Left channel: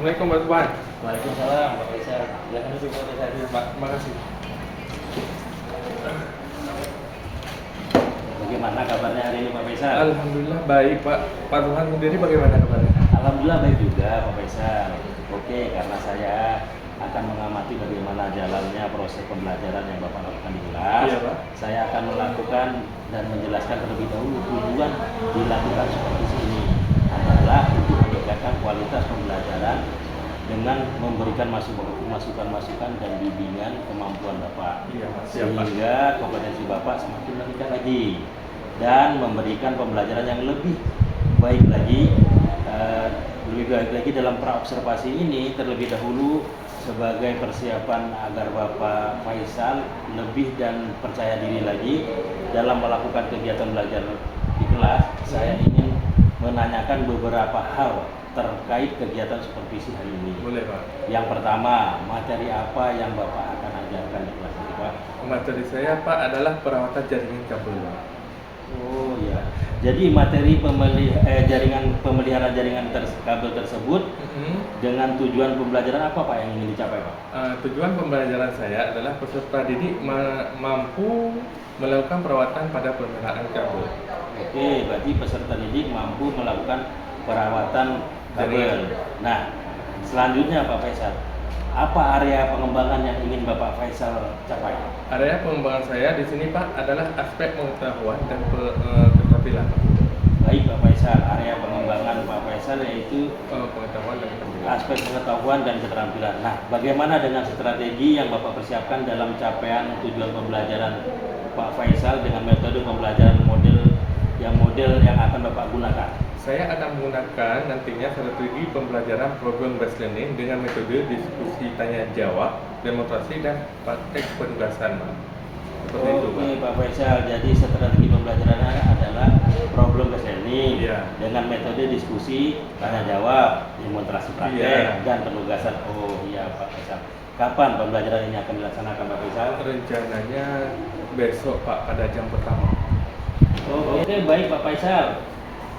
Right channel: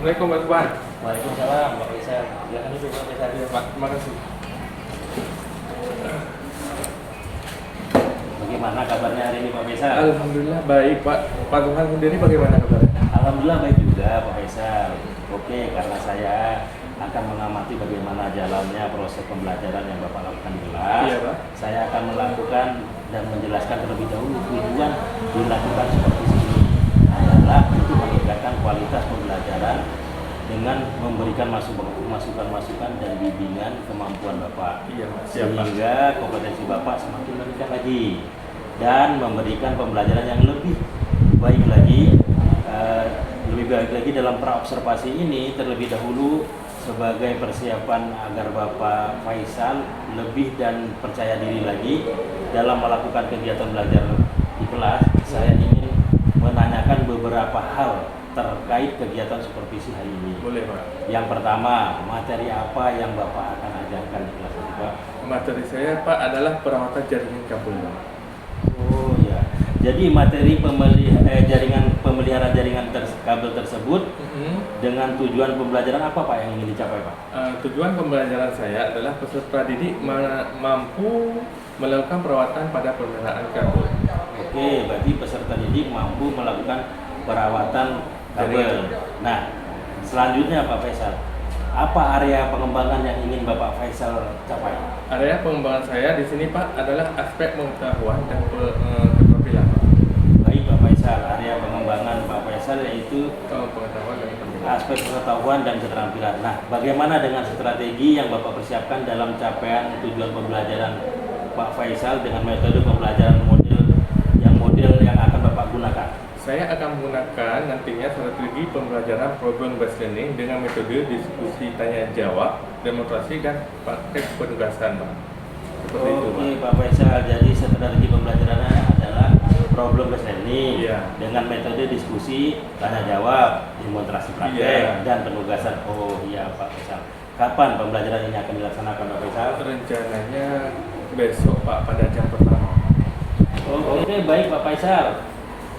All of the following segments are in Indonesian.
Assalamualaikum Pak Tuan. Waalaikumsalam Pak Faisal. Silakan duduk Pak Faisal. Ya Pak, terima kasih. Bagaimana kabarnya hari ini Pak Faisal? Alhamdulillah baik Pak. Pak Tuhan sendiri bagaimana kabarnya? Alhamdulillah baik juga Pak Faisal. Oke, karena saya akan mengamati bagaimana jalannya proses pembelajaran yang Bapak lakukan di kelas. Iya Pak. Saya akan melakukan dan menjelaskan terlebih dahulu tujuan dilakukan seperti ini adalah untuk meningkatkan kualitas pembelajaran dengan memberikan masukan-masukan dan bimbingan kemampuan Bapak, Iya Pak. Siap Pak. sehingga kompetensi Bapak semakin meningkat lagi dan memberikan pembelajaran yang lebih baik lagi dalam praobservasi ini terlebih dahulu sebagai persiapan agar Bapak Faisal lebih dan percaya diri lagi dalam melakukan kegiatan belajar di kelas. Saya ingin menanyakan beberapa hal terkait kegiatan supervisi hari ini. Boleh Pak. Yang pertama, materi apa yang Bapak akan ajarkan di kelas ini, Pak? Materi saya Pak adalah perawatan jaringan kabel Pak. Oh ya, jadi materi pemeliharaan jaringan kabel tersebut dengan tujuan pembelajaran apa Pak yang ingin dicapai Pak? Tujuan pembelajaran saya adalah peserta didik mampu melakukan perawatan pada pemeliharaan kabel. Oke, berarti peserta didik mampu melakukan perawatan kabel. Nah, selanjutnya Pak Faisal, apa area pengembangan yang ingin Bapak Faisal capai? Area pengembangan saya di sini Pak adalah aspek pengetahuan dan keterampilan Pak. Baik Pak Faisal, area pengembangan Pak Faisal yaitu Pengetahuan dan keterampilan. aspek pengetahuan dan keterampilan. Nah, bagaimana dengan strategi yang Bapak persiapkan dalam capaian tujuan pembelajaran Pak Faisal dengan metode pembelajaran model yang akan Bapak gunakan? Saya akan menggunakan nantinya strategi pembelajaran problem based learning dengan metode diskusi tanya jawab, demonstrasi dan praktek penugasan Pak. Seperti itu Pak. Oke Pak Faisal, jadi strategi pembelajarannya adalah problem based learning Iya. dengan metode diskusi, tanya jawab, demonstrasi praktek, Iya. dan penugasan. Oh iya Pak Faisal. Kapan pembelajaran ini akan dilaksanakan Pak Faisal? Rencananya besok Pak pada jam pertama. Oke baik Pak Faisal.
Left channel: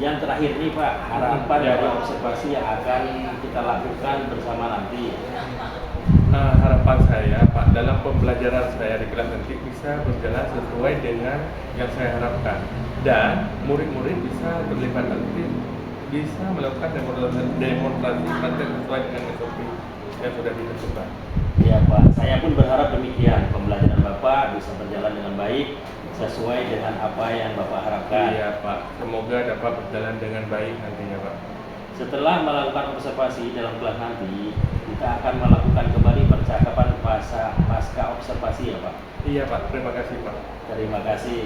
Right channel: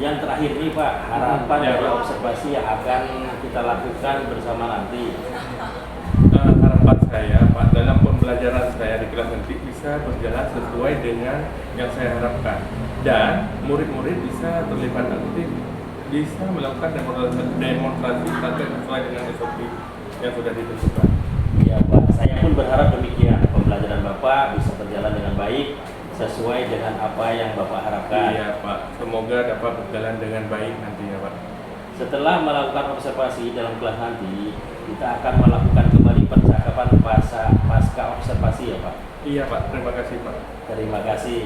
Yang terakhir nih Pak, harapan Ya, dari Pak. observasi yang akan kita lakukan bersama nanti. Harapan saya Pak dalam pembelajaran saya di kelas nanti bisa berjalan sesuai dengan yang saya harapkan dan murid-murid bisa terlibat aktif, bisa melakukan demonstrasi praktek sesuai dengan SOP yang sudah ditentukan. Ya Pak, saya pun berharap demikian. Pembelajaran Bapak bisa berjalan dengan baik sesuai dengan apa yang Bapak harapkan. Iya Pak, semoga dapat berjalan dengan baik nantinya Pak. Setelah melakukan observasi dalam kelas nanti, kita akan melakukan kembali percakapan pasca observasi ya Pak. Iya Pak, terima kasih Pak. Terima kasih.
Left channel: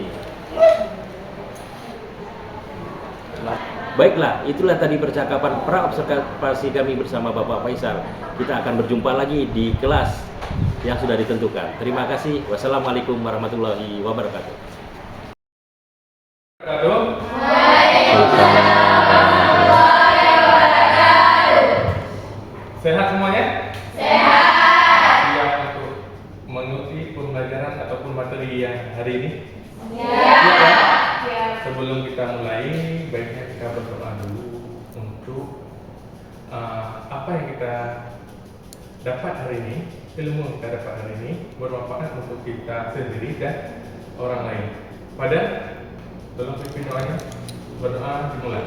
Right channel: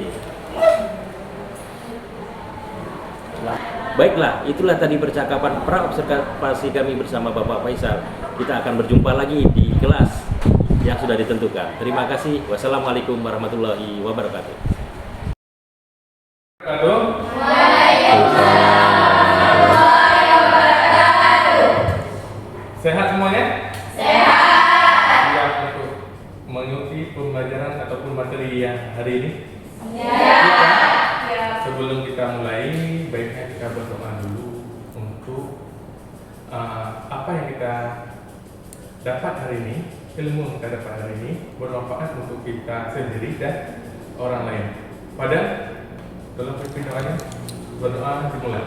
Nah, baiklah, itulah tadi percakapan pra-observasi kami bersama Bapak Faisal. Kita akan berjumpa lagi di kelas yang sudah ditentukan. Terima kasih. Wassalamualaikum warahmatullahi wabarakatuh. Sehat semuanya? Sehat. Siap untuk mengikuti pembelajaran ataupun materi yang hari ini? Siap ya? Sebelum kita mulai, baiknya kita berdoa dulu untuk apa yang kita dapat hari ini, ilmu yang kita dapat hari ini bermanfaat untuk kita sendiri dan orang lain. Pada, tolong pimpin doanya. Berdoa dimulai.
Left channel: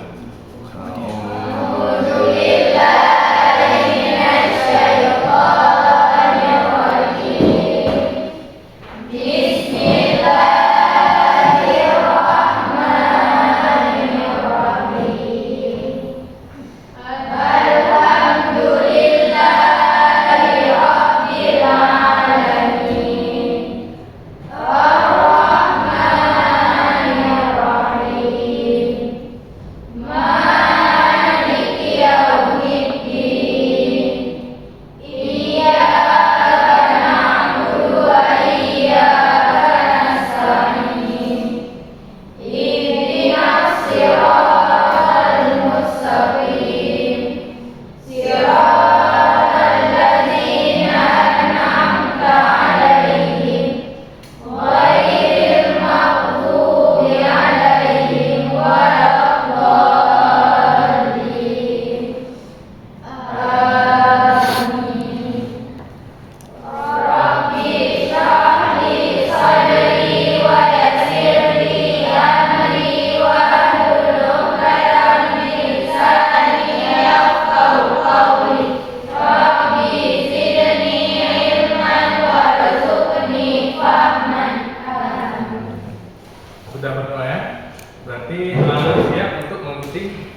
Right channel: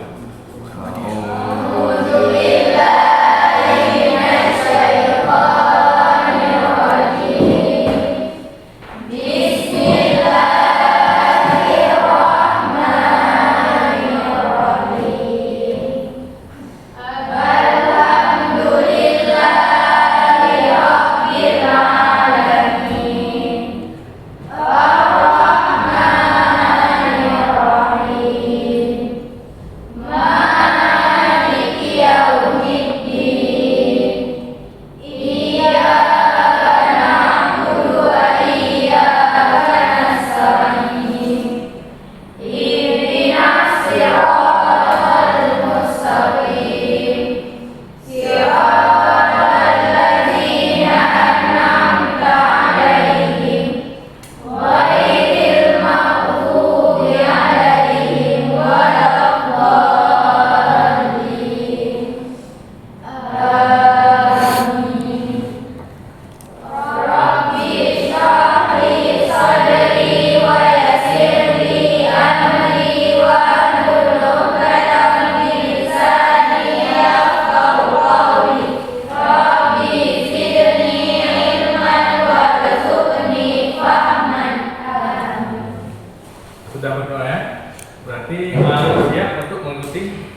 mengikuti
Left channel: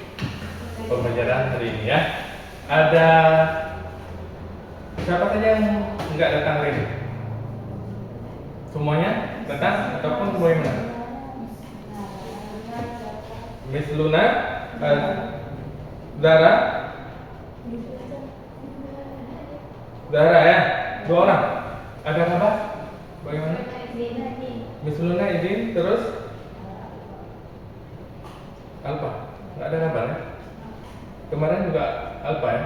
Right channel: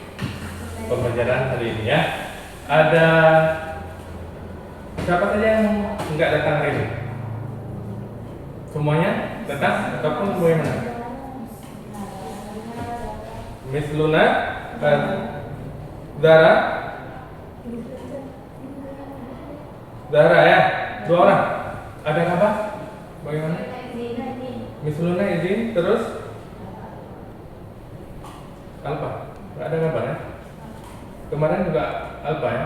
pembelajaran hari ini ya. Ada siapa saja yang nggak datang hari ini? Semuanya datang ataupun bagaimana? Miss Luna, Zara, Zara ya, 2 orang. Ada kabar? Bagaimana? Miss Luna izin, terus Alpa, nggak ada kabar ya? Kemarin juga Alpa ya?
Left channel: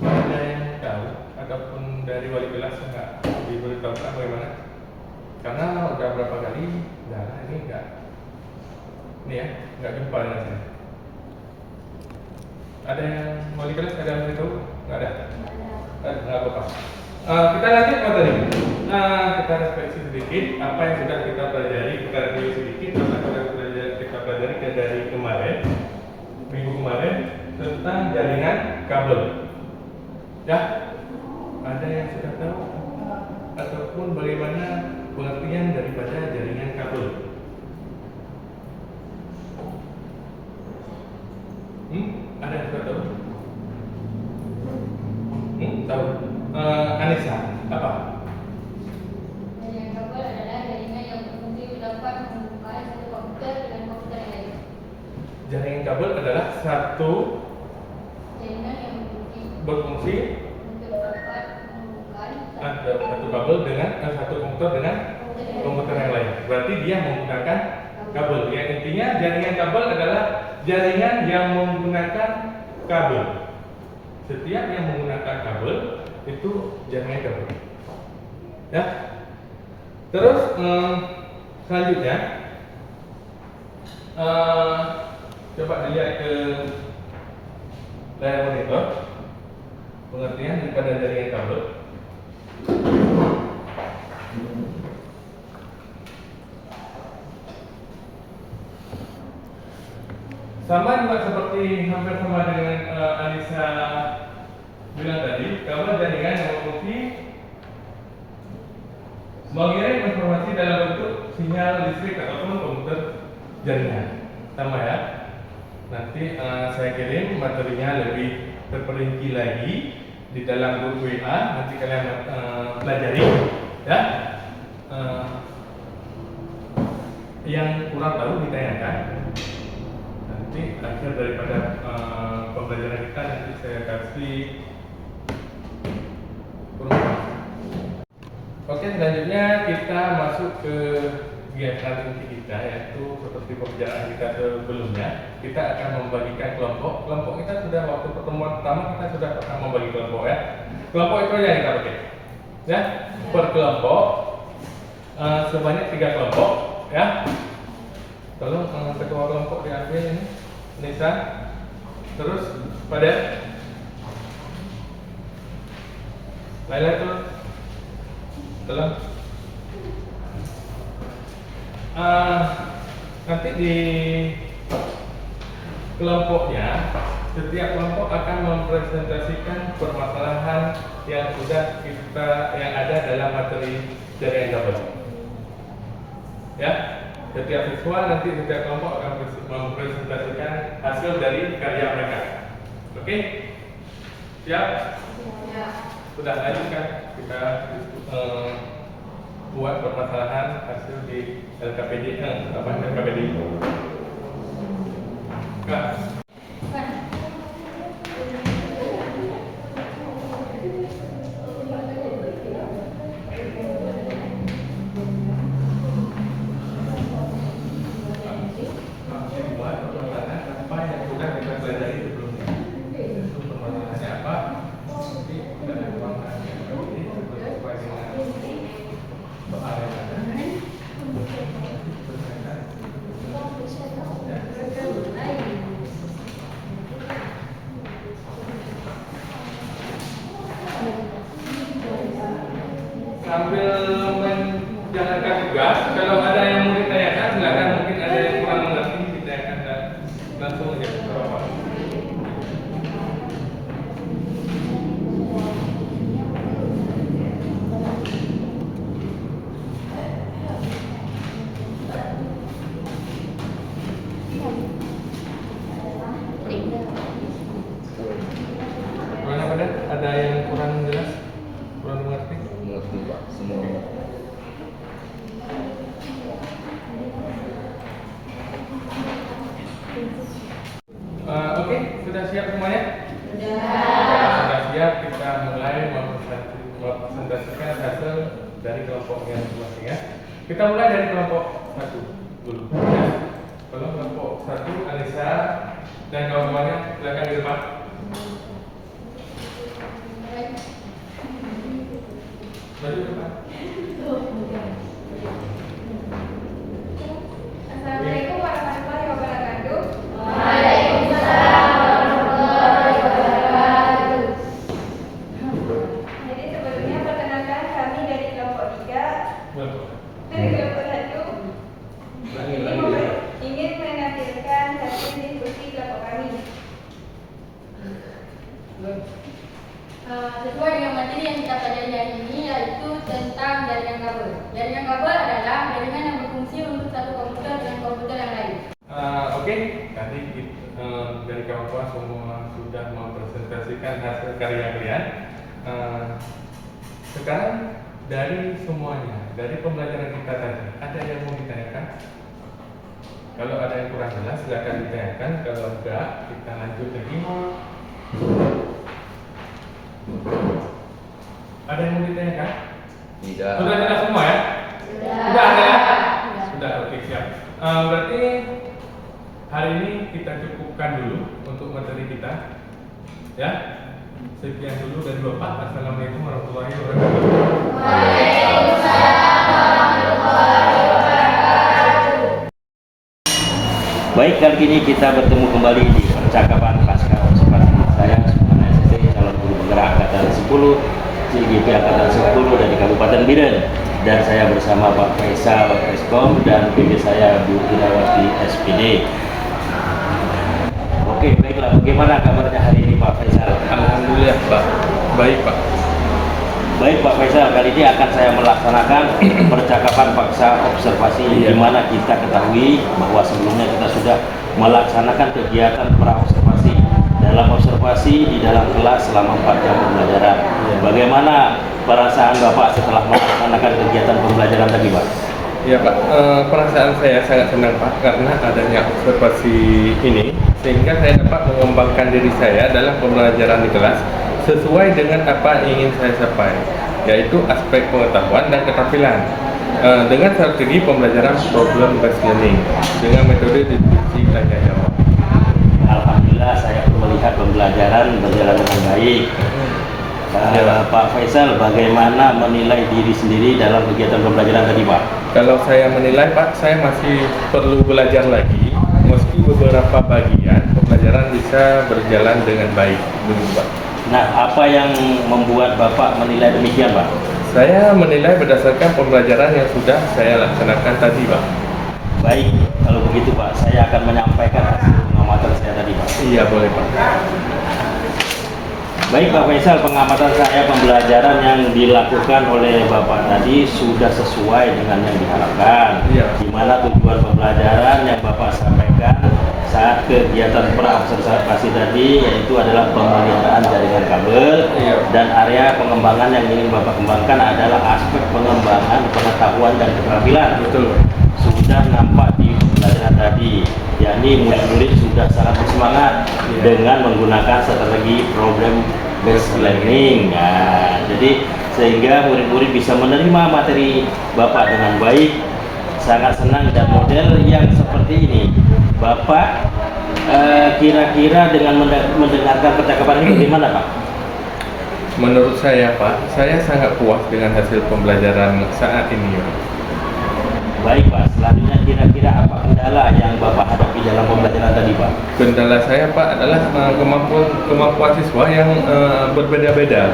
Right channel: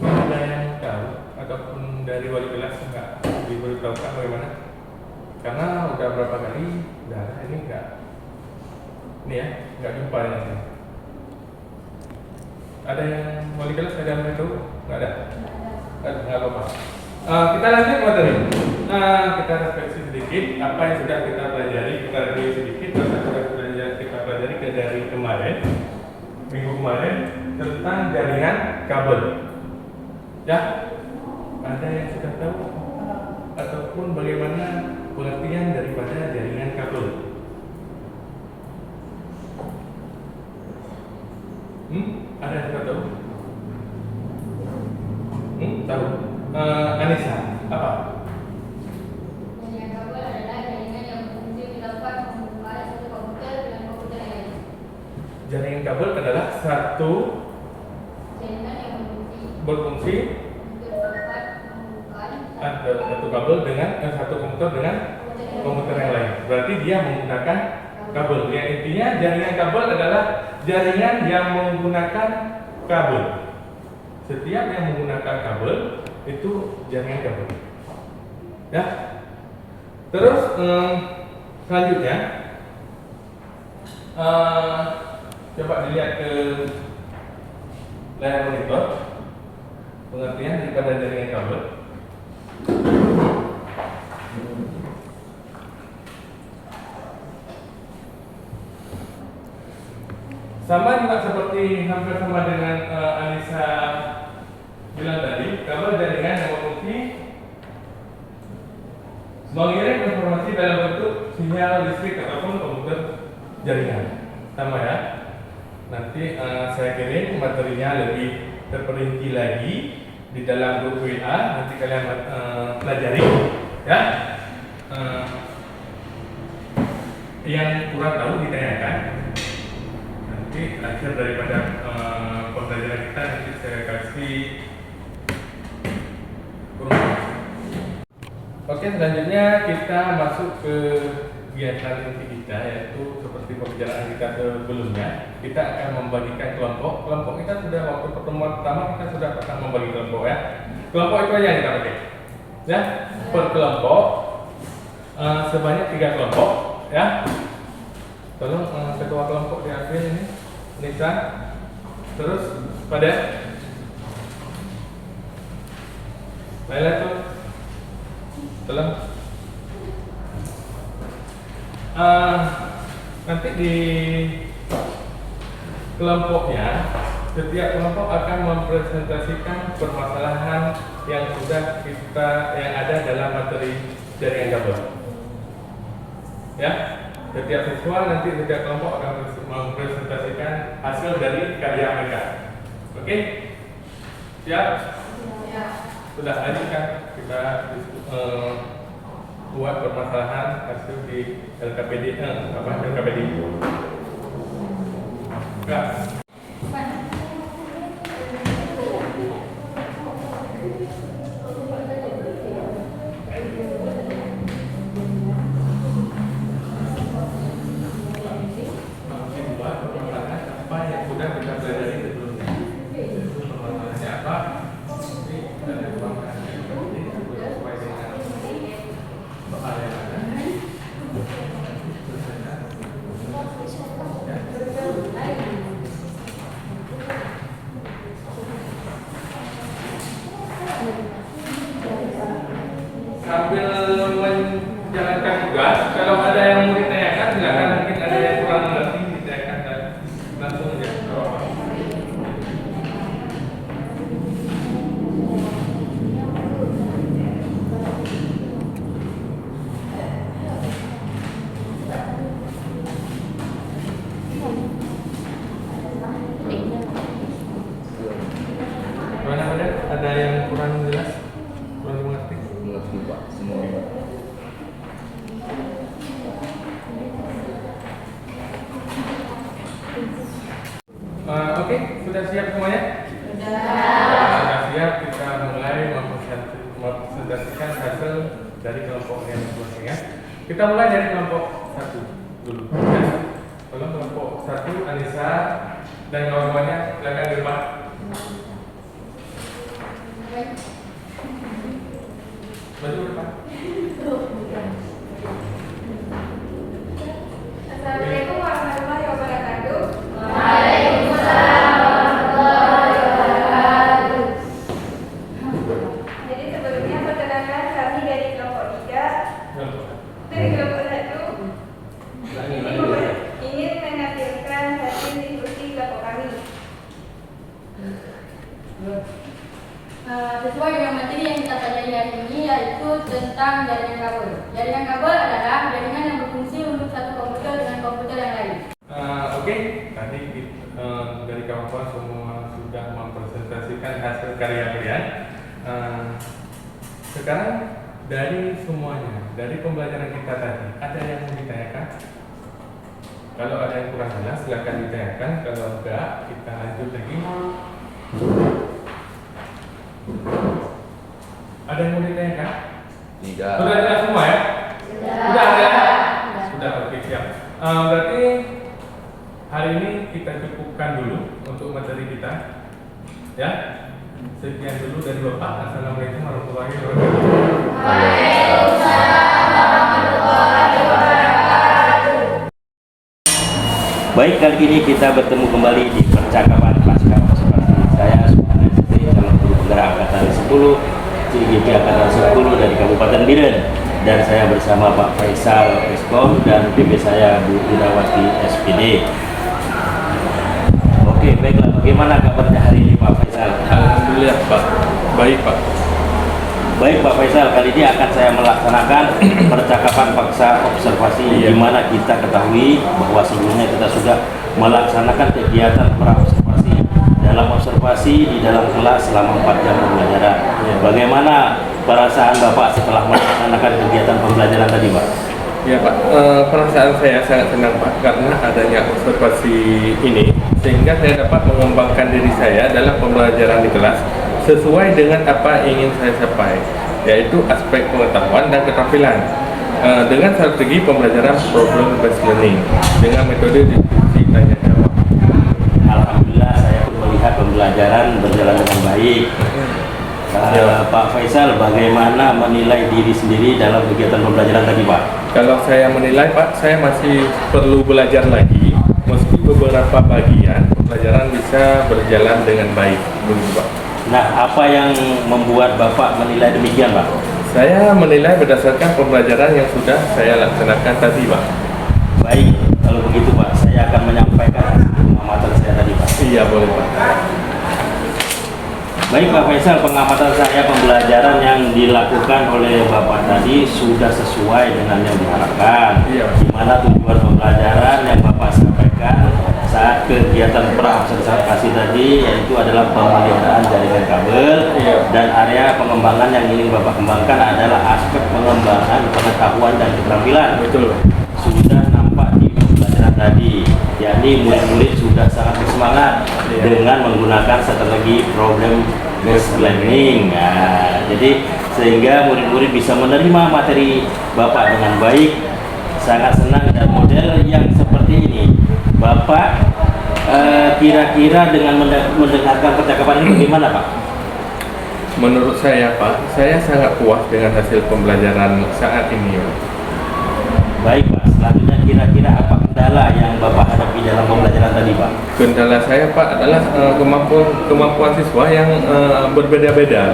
Nggak ada yang tahu ataupun dari wali kelas nggak diberitahukan bagaimana? Karena udah berapa kali Zara ini ini ya, nggak jumpa dengan saya. Ada yang wali kelas ada yang beritahu? Nggak ada? Nggak apa-apa. Kita lanjut materi. Kita refleksi sedikit apa yang sudah kita pelajari. Kita review sedikit apa yang sudah kita pelajari dari kemarin, minggu kemarin, tentang jaringan kabel. Ya, ada yang sudah tahu ataupun bagaimana pengertian daripada jaringan kabel? Ada yang sudah tahu? Tahu? Anissa, apa? Jaringan kabel adalah jaringan yang berfungsi dapat menghubungkan satu komputer dengan komputer lain. Jaringan kabel adalah satu Jaringan yang berfungsi untuk dapat menghubungkan ada satu kabel dengan satu komputer dengan komputer yang lain. Berarti dia menggunakan kabel. Yang intinya jaringan kabel adalah jaringan yang menggunakan kabel. Setiap yang menggunakan kabel itu jaringan kabel. Ya. Terus selanjutnya coba dilihat ke layar monitor pengertian daripada jaringan kabel. Sama juga seperti hampir sama dengan Anissa bilang tadi, kabel jaringan yang berfungsi mengirim informasi dalam bentuk sinyal listrik ataupun komputer jaringan. Sama ya. Nanti saya kirim materinya lebih terperinci lagi di dalam grup WA. Nanti kalian pelajari ya. Yang kurang tahu ditanyakan. Nanti akhir daripada pembelajaran kita nanti saya kasih perubahan. Oke, selanjutnya kita masuk ke kegiatan inti kita, yaitu seperti pembicaraan kita sebelumnya. Kita akan membagikan kelompok. Kelompok kita sudah waktu pertemuan pertama kita sudah pernah membagi kelompok ya. Kelompok itu aja yang kita pakai. Ya, per kelompok sebanyak 3 kelompok ya. Tolong ketua kelompok diambil ini, Nisa. Terus pada Laila tuh, tolong. Nanti di kelompoknya, setiap kelompok akan mempresentasikan permasalahan yang sudah yang ada dalam materi jaringan kabel. Ya. Setiap siswa nanti setiap kelompok akan mempresentasikan hasil dari karya mereka. Oke? Siap? Ya. Sudah lanjutkan kita buat permasalahan hasil di LKPD LKPD. Enggak. Sambil menjalankan tugas, kalau ada yang mau ditanyakan silakan, mungkin ada yang kurang mengerti ditanyakan dan langsung ya ke bawah. Oke, sudah siap semuanya? Sudah siap, kita mulai mempresentasikan hasil dari kelompok yang masing-masing ya. Kita mulai dari kelompok 1 dulu ya. Kalau kelompok 1, Anissa dan kawan-kawannya silakan di depan. Maju depan. Assalamualaikum warahmatullahi wabarakatuh. Jadi sebelumnya perkenalkan kami dari kelompok 3 dari kelompok 1 ingin menampilkan hasil diskusi kelompok kami. Sesuai dengan materi yang kita pelajari hari ini, yaitu tentang jaringan kabel. Jaringan kabel adalah jaringan yang berfungsi untuk satu komputer dengan komputer yang lain. Oke, tadi dari kawan-kawan semua sudah mempresentasikan hasil karya kalian. Sekarang dari semuanya, dari pembelajaran kita tadi, ada yang mau ditanyakan? Kalau ada yang kurang jelas, silakan ditanyakan. Kalau enggak, kita lanjut lagi. Ada yang mau ditanyakan? Tidak. Sudah jelas semua ya? Sudah ada ya? Sudah, oke siap. Berarti hari ini kita cukupkan dulu untuk materi kita. Ya, sekian dulu dari Bapak. Assalamualaikum warahmatullahi wabarakatuh. Baik, kali ini kita bertemu kembali di percakapan pasca observasi. Saya Subhan ST, calon guru penggerak angkatan 10 CGP angkatan 10 dari Kabupaten Biren, dan saya bersama Pak Faisal Eskom dan PB saya Bu Irawati SPD. Oke, baiklah, bagaimana kabarnya hari ini Pak Faisal? Alhamdulillah Pak. Baik Pak. Baik Pak Faisal, kali ini akan saya melaksanakan percakapan paksa observasi, di mana kita ketahui bahwa sebelumnya kita sudah melaksanakan kegiatan pra-observasi. Dalam observasi di dalam kelas selama 4 jam pembelajaran. Bagaimana perasaan Bapak setelah melaksanakan kegiatan pembelajaran tadi, Pak? Ya Pak, perasaan saya sangat senang Pak karena adanya observasi ini, sehingga saya dapat mengembangkan diri saya dalam pembelajaran di kelas sesuai dengan apa yang ingin saya capai, yaitu aspek pengetahuan dan keterampilan dengan strategi pembelajaran problem based learning dengan metode diskusi tanya jawab. Alhamdulillah, saya melihat pembelajaran berjalan dengan baik. Pak Faisal, bagaimana menilai diri sendiri dalam kegiatan pembelajaran tadi, Pak? Kalau saya menilai Pak, saya masih perlu belajar lagi, meski beberapa bagian pembelajaran bisa berjalan dengan baik, begitu Pak. Nah, apa yang membuat Bapak menilai demikian, Pak? Saya menilai berdasarkan pembelajaran yang sudah saya laksanakan tadi Pak. Baik, kalau begitu Pak, saya akan menyampaikan hasil pengamatan saya tadi, Pak. Iya boleh Pak. Baik Pak Faisal, pengamatan saya pembelajaran yang dilakukan oleh Bapak tadi sudah sesuai dengan yang diharapkan. Iya. Di mana tujuan pembelajaran yang Bapak sampaikan saat kegiatan pra-observasi tadi yaitu adalah pemeliharaan jaringan kabel. Iya. Dan area pengembangan yang ingin Bapak kembangkan adalah aspek pengembangan pengetahuan dan keterampilan. Betul. Sudah nampak di pembelajaran tadi, yakni murid-murid sudah sangat bersemangat dengan menggunakan strategi problem based learning. Nah, jadi sehingga murid-murid bisa menerima materi Bapak dengan baik, sangat senang. Dan model yang seperti ini, Bapak kira-kira dengan mendengarkan percakapan ini bagaimana, Pak? Menurut saya Pak, saya sangat puas dengan hasil pembelajaran saat ini ya. Baik Pak, selanjutnya kira-kira apa kendala yang Bapak hadapi dalam pembelajaran tadi, Pak? Kendala saya Pak adalah kemampuan siswa yang berbeda-beda.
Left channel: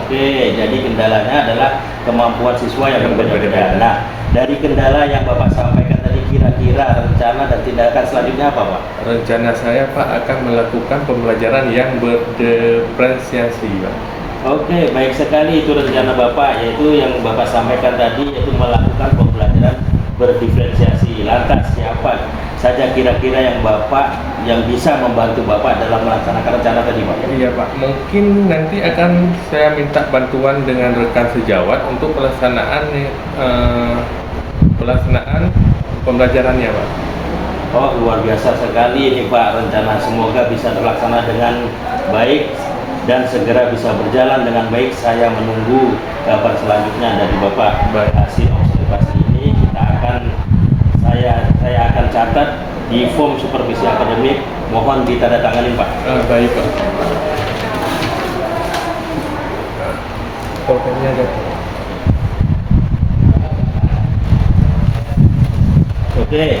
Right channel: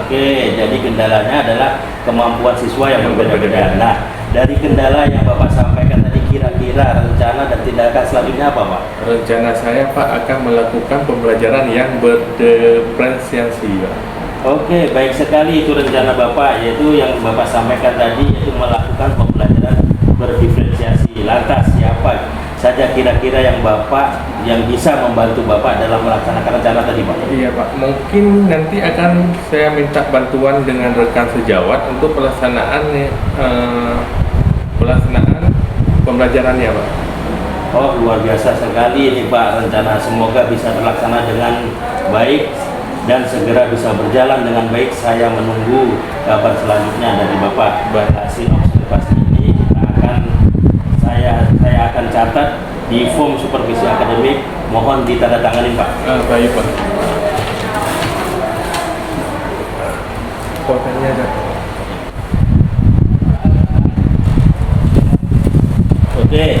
Oke, jadi kendalanya adalah kemampuan siswa yang berbeda-beda. Nah, dari kendala yang Bapak sampaikan tadi, kira-kira rencana dan tindakan selanjutnya apa, Pak? Rencana saya Pak akan melakukan pembelajaran yang berdiferensiasi Pak. Oke, baik sekali itu rencana Bapak, yaitu yang Bapak sampaikan tadi, yaitu melakukan pembelajaran berdiferensiasi. Lantas siapa saja kira-kira yang Bapak yang bisa membantu Bapak dalam melaksanakan rencana tadi, Pak? Iya Pak, mungkin nanti akan saya minta bantuan dengan rekan sejawat untuk pelaksanaan pembelajarannya Pak. Oh, luar biasa sekali ini Pak, rencana semoga bisa terlaksana dengan baik dan segera bisa berjalan dengan baik. Saya menunggu kabar selanjutnya dari Bapak. Hasil observasi ini saya akan catat di form supervisi akademik, mohon ditandatangani Pak. Baik Pak. Fotonya ada. Oke,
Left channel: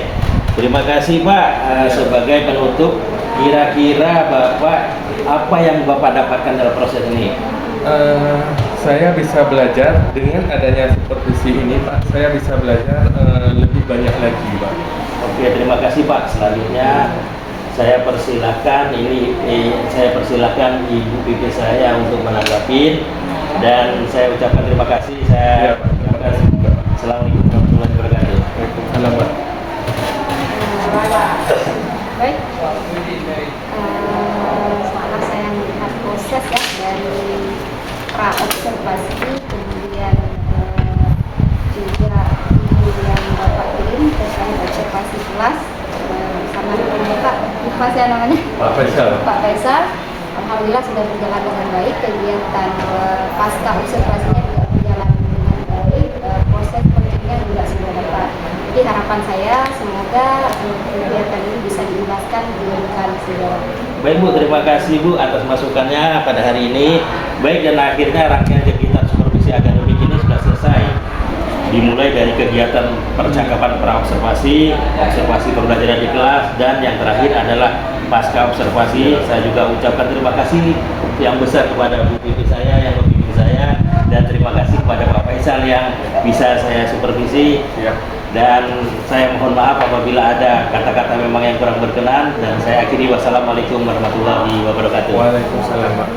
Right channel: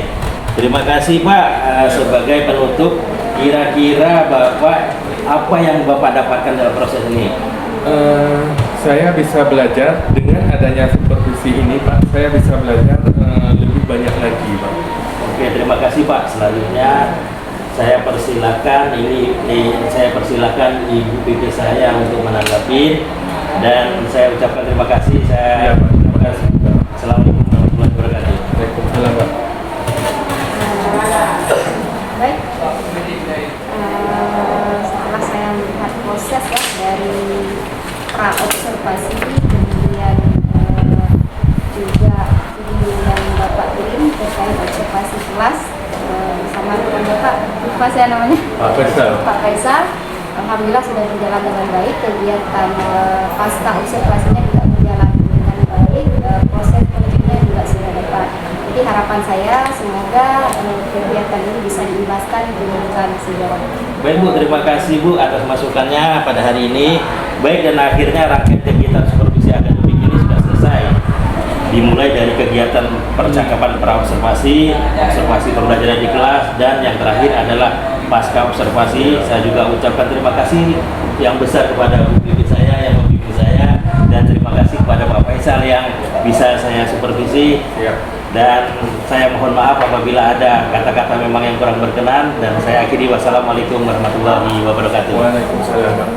terima kasih Pak. Sebagai penutup, kira-kira Bapak apa yang Bapak dapatkan dalam proses ini? Saya bisa belajar dengan adanya supervisi ini Pak. Saya bisa belajar lebih banyak lagi Pak. Oke, terima kasih Pak. Selanjutnya saya persilahkan saya persilahkan Ibu PT saya untuk menanggapi dan saya ucapkan terima kasih. Iya, Pak. Terima kasih. Assalamualaikum warahmatullahi wabarakatuh. Waalaikumsalam Pak. Baik, setelah saya melihat proses ya dari pra observasi, kemudian juga yang Bapak kirim terkait observasi kelas bersama dengan Bapak, lupa saya namanya, Pak Faisal. Pak Faisal. Alhamdulillah sudah berjalan dengan baik, kegiatan pasca observasinya juga berjalan dengan baik, proses politiknya juga sudah dapat. Jadi harapan saya semoga kegiatan ini bisa diimbaskan ke depan sejarah. Baik Bu, terima kasih Bu atas masukannya pada hari ini. Baik, dan akhirnya rangkaian kegiatan supervisi akademik ini sudah selesai. Dimulai dari kegiatan percakapan praobservasi, observasi pembelajaran di kelas, dan yang terakhir adalah pasca observasi. Saya juga ucapkan terima kasih yang besar kepada Bu Pipi saya, yang membimbing saya, dan terima kasih kepada Pak Faisal yang bisa saya supervisi. Dan saya mohon maaf apabila ada kata-kata memang yang kurang berkenan, dan saya akhiri wassalamualaikum warahmatullahi wabarakatuh. Waalaikumsalam Pak.